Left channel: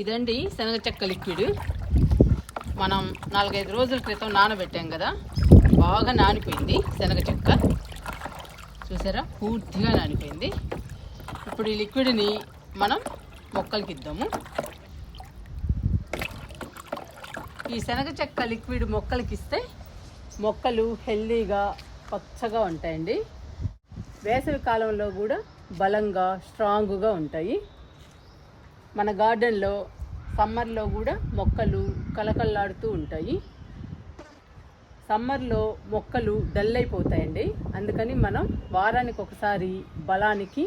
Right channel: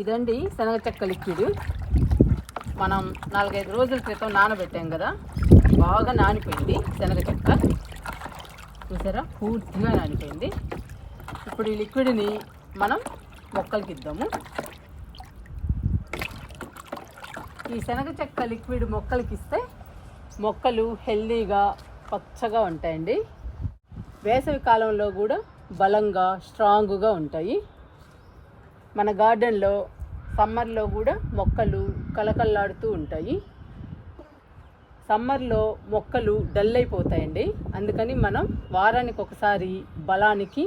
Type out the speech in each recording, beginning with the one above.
ఇదండి శనగ చెక్క లిక్విడ్. మనం 4-5 రోజుల క్రితం నానబెట్టాం కదా, బాగా నానిపోయింది శనగ చెక్క. చూసారా, పూర్తిగా నానిపోయింది. ఇప్పుడు ఈ లిక్విడ్ని మనం మొక్కలకి ఇద్దాము. ఈ శనగ చెక్క లిక్విడ్ మొక్కలకి ఇస్తే మొక్కలు హెల్దీగా పచ్చగా ఉంటాయండి. వేసవి కాలంలో కూడా బలంగా స్ట్రాంగ్గా ఉంటాయి. మన గార్డెన్లో సమ్మర్లో కూడా మొక్కలు కలకల్లాడుతూ ఉంటాయి. సమ్మర్లో మొక్కలు డల్ అయిపోతాయండి. అందుకని మనం వారానికి ఒకసారి బలానికి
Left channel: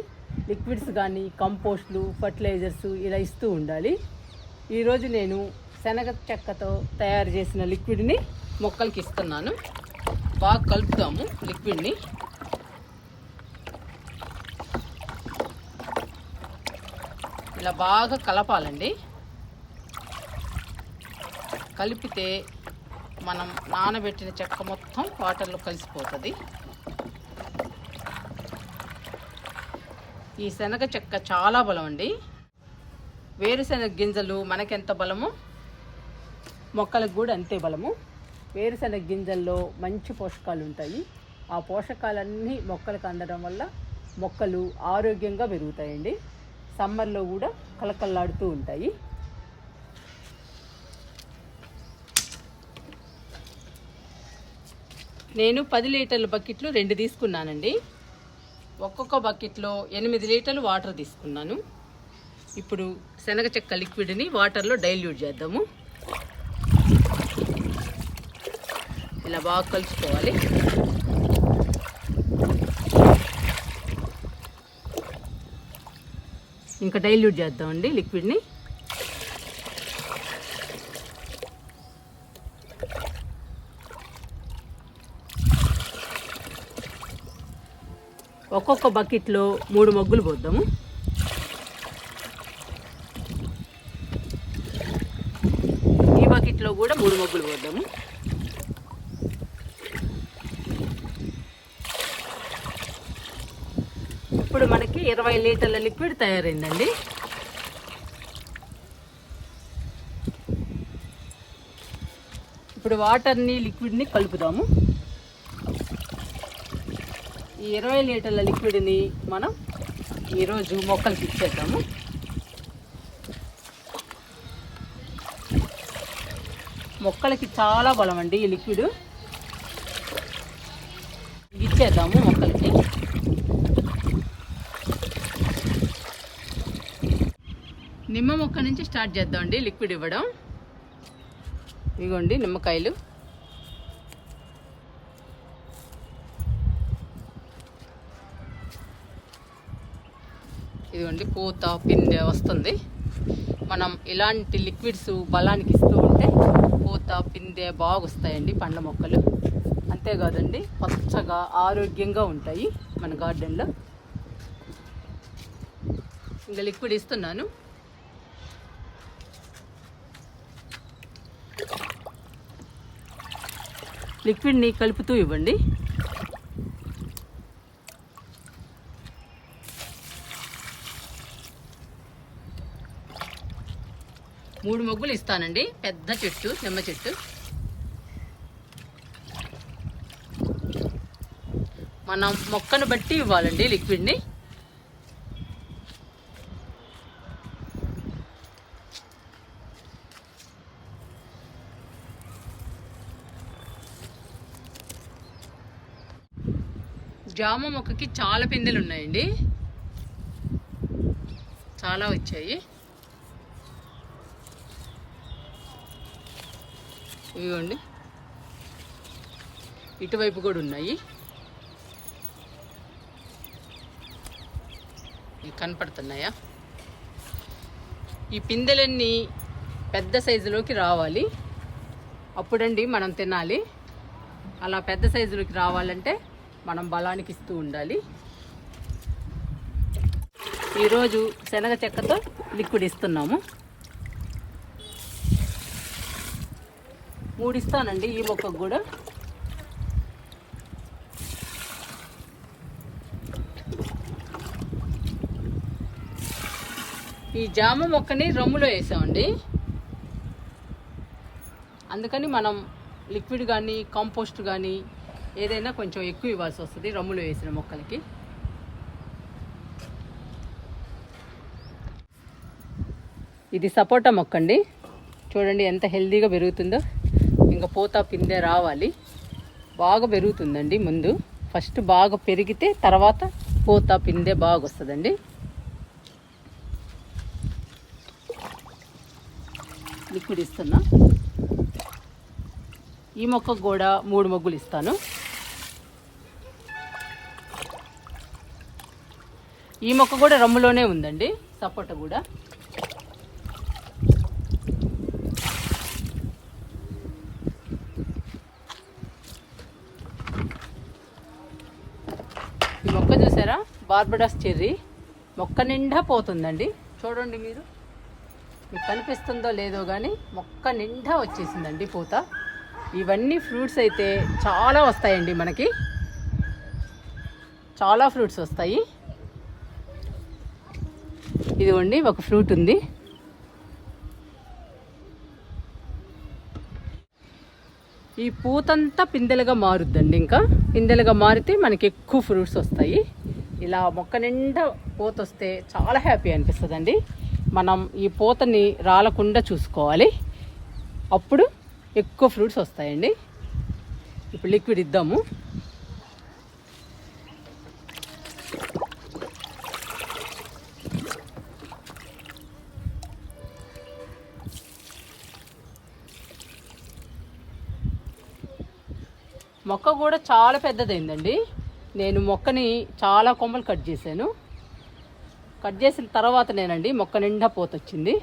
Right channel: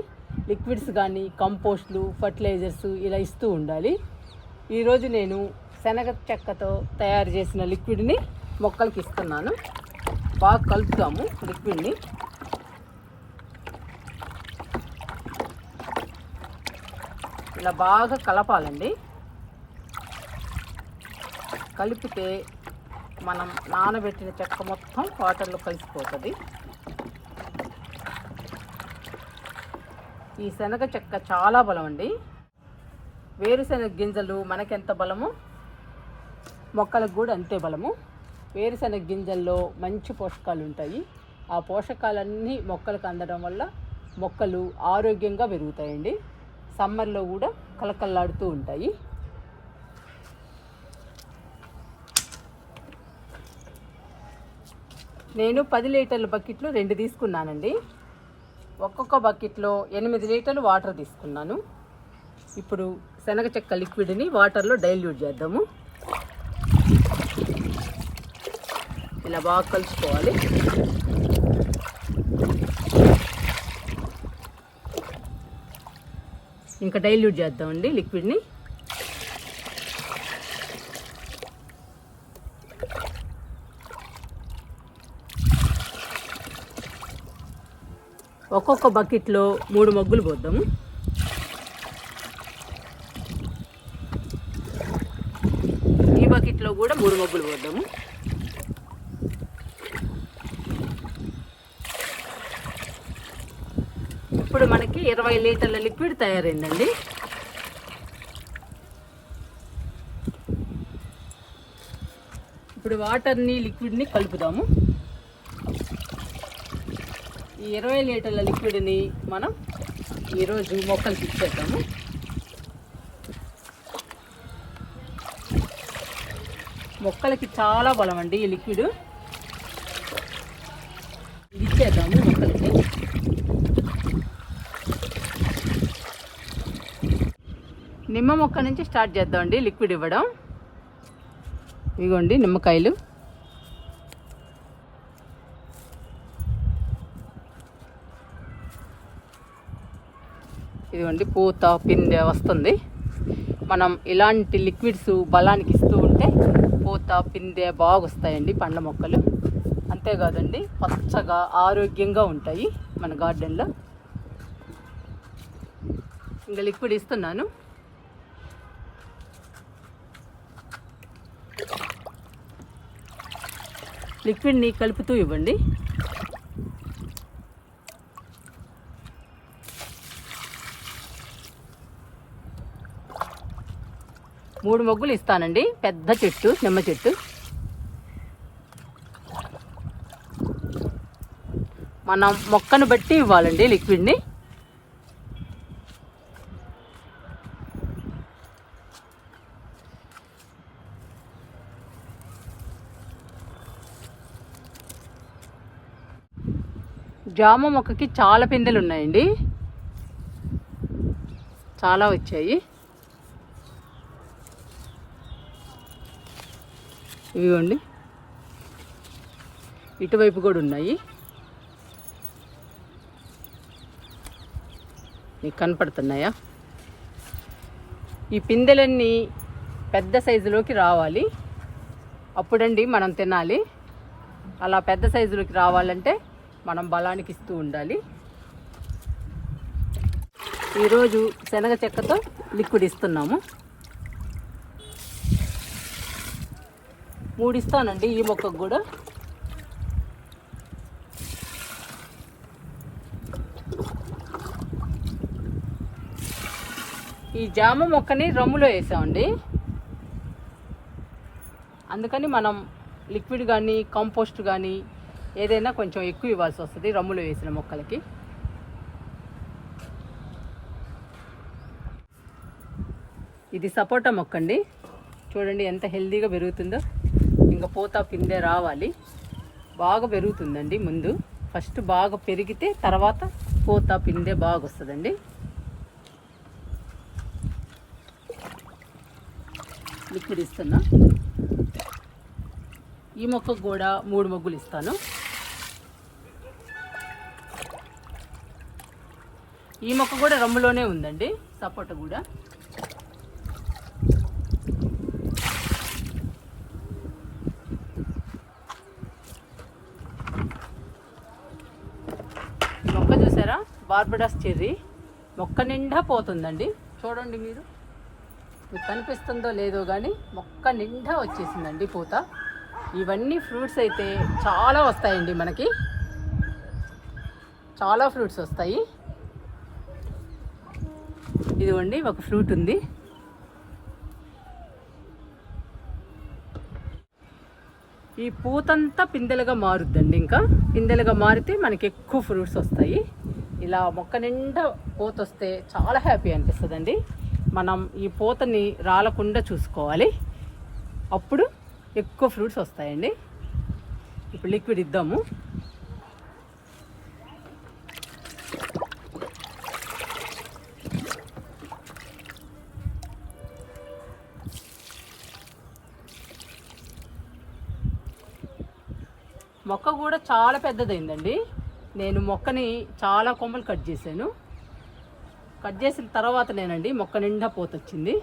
లిక్విడ్స్ కానీ కంపోస్ట్లు, ఫర్టిలైజర్స్ ఇలా ఇస్తూ ఉండాలి. ఈరోజు నేను శనగ చెక్కతో తయారు చేసిన లిక్విడ్ని మొక్కలకి ఇస్తున్నాను. బాగా కలుపుతాము లిక్విడ్ని. ఇలా బాగా కలపాలండి. కలిపితే మనం నానబెట్టిన చెక్క మొత్తం వాటర్లో కలిసిపోతుంది. ఈ శనగ చెక్క చాలా బలం అండి. వేరుశనగ గింజలు మనకెంత బలమో మొక్కలకు కూడా అంతే బలము. వేరుశనగ గింజల్లో మంచి పోషకాలు ఉంటాయి. ఆ పోషకాలన్నీ మొక్కలకు అందడం వల్ల మొక్కలు ఆరోగ్యంగా పెరుగుతాయండి. సమ్మర్లో కూడా కలకల్లాడుతూ ఉంటాయి. నేను 10 లీటర్ల బకెట్లు 2 తీసుకున్నానండి. ఒక్కొక్క బకెట్లో 8 లీటర్లు వాటర్ తీసుకున్నాను. ఇప్పుడు శనగ చెక్క లిక్విడ్ని వాటర్లో డైల్యూట్ చేద్దాము. ఇలా బాగా కలుసుకోవాలి. ఇంకా డైల్యూట్ చేద్దామండి లిక్విడ్ని. ఒక్కొక్క బకెట్లో 3 మగ్గులు పోద్దాము. ఈ బకెట్లో కూడా 3 మగ్గులు పోద్దాము. ఇప్పుడు మనకి 20 లీటర్ల లిక్విడ్ తయారైందండి. ఇప్పుడు వాటర్ని లిక్విడ్ని కలుపుదాము. ఈ 20 లీటర్ల లిక్విడ్ని మనం ఈరోజు మొక్కలకి ఇచ్చేద్దాము. మొక్కలకి చాలా బలం అండి ఈ లిక్విడ్. ఇచ్చేద్దాము మొక్కలకి. నిమ్మ మొక్క నుంచి స్టార్ట్ చేద్దామండి లిక్విడ్ ఇవ్వడం. ఇదిగోండి నిమ్మకాయలు. ఇదిగోండి పూత పిందె వస్తుంది. మనం ఇలాంటి లిక్విడ్స్ బలానికి ఇస్తూ ఉంటే పూత పిందె బాగా వస్తాయండి పండ్ల మొక్కలు. అంతేకాదండి, పచ్చగా ఆరోగ్యంగా ఉంటాయి మన గార్డెన్లో. ఇంకా లిక్విడ్ ఇస్తున్నాను. లిక్విడ్ని కలుపుతూ ఇవ్వండి. మూడు మొగ్గులు ఇస్తానండి. పెద్ద చెట్టు, నిమ్మ చెట్టు. మనం మొక్కను బట్టి ఇవ్వాలండి లిక్విడ్ని. జామ మొక్కకి చాలా పిందెలు ఉన్నాయండి, చాలా వచ్చాయి. ఇవిగోండి, ఇటువైపు కూడా ఉన్నాయి. మీకు కనపడుతున్నాయా? ఈ పిందెలన్నీ పెద్ద సైజులోకి రావాలి, అప్పుడండి మనం తినాలి. అలా పెద్ద సైజులోకి రావాలంటే మనం బలానికి ఇస్తూ ఉండాలి. ఈరోజు శనగ చెక్కతో లిక్విడ్ ఇస్తున్నాము. 3 ఇస్తానండి ఈ మొక్కకు కూడా. ఈ జామ మొక్కని రమ్ములో వేసామండి. అందుకని మనం లిక్విడ్ కానీ కంపోస్ట్ కానీ ఏదైనా కొంచెం ఎక్కువ ఇవ్వాల్సి వస్తుంది రమ్ములో వేసిన మొక్కలకి. ఇది సపోటా మొక్క అండి. చూడండి ఎంత హెల్దీగా పెరుగుతుందో. ఇంకా పూత పిందె రావాలి, బాగా పెరుగుతుందండి. ముందు ఫస్ట్ బాగా పెరిగితే తర్వాత పూత పిందె బాగా వస్తుందండి. లిక్విడ్ ఇస్తున్నా. ఈ మొక్కకు కూడా 3 మొగ్గులు ఇస్తాను. ఈ మొక్క కూడా రమ్ములోనే ఉందండి, సపోటా కూడా. ఈ మొక్క చూసారా, బార్బడాస్ చెర్రీ. మొక్క నిండా పోతుందండి. చూడండి మీరు, మీకు కనిపిస్తుందో లేదో కానీ మొక్క నిండా వచ్చేసిందండి పూత. ఇవన్నీ ఫ్రూట్స్ అయితే చాలా వస్తాయండి మనకి, చాలా ఫ్రూట్స్ వస్తాయి. ఇదిగోండి ఒక ఫ్రూట్ ఉంది. ఈ పూతంతా పిందెలుగా మారుద్దండి. ఇంకా పిందెలుగా మారితే మనకి ఎక్కువ ఫ్రూట్స్ వస్తాయి. ఇలా మొక్క నిండా పూత వస్తే చాలా హ్యాపీ అనిపిస్తుందండి. మనం ఈ పూతని రాలకుండా చూసుకోవాలి, అప్పుడు ఎక్కువ ఫ్రూట్స్ వస్తాయండి. ఇప్పుడు లిక్విడ్ ఇద్దాము. మొక్క కూడా చాలా పెద్దదైందండి. నేను మొక్కని చాలా కొమ్మలు కట్ చేశాను. కట్ చేసిన తర్వాతనేనండి మొక్క నిండా పూత వచ్చింది.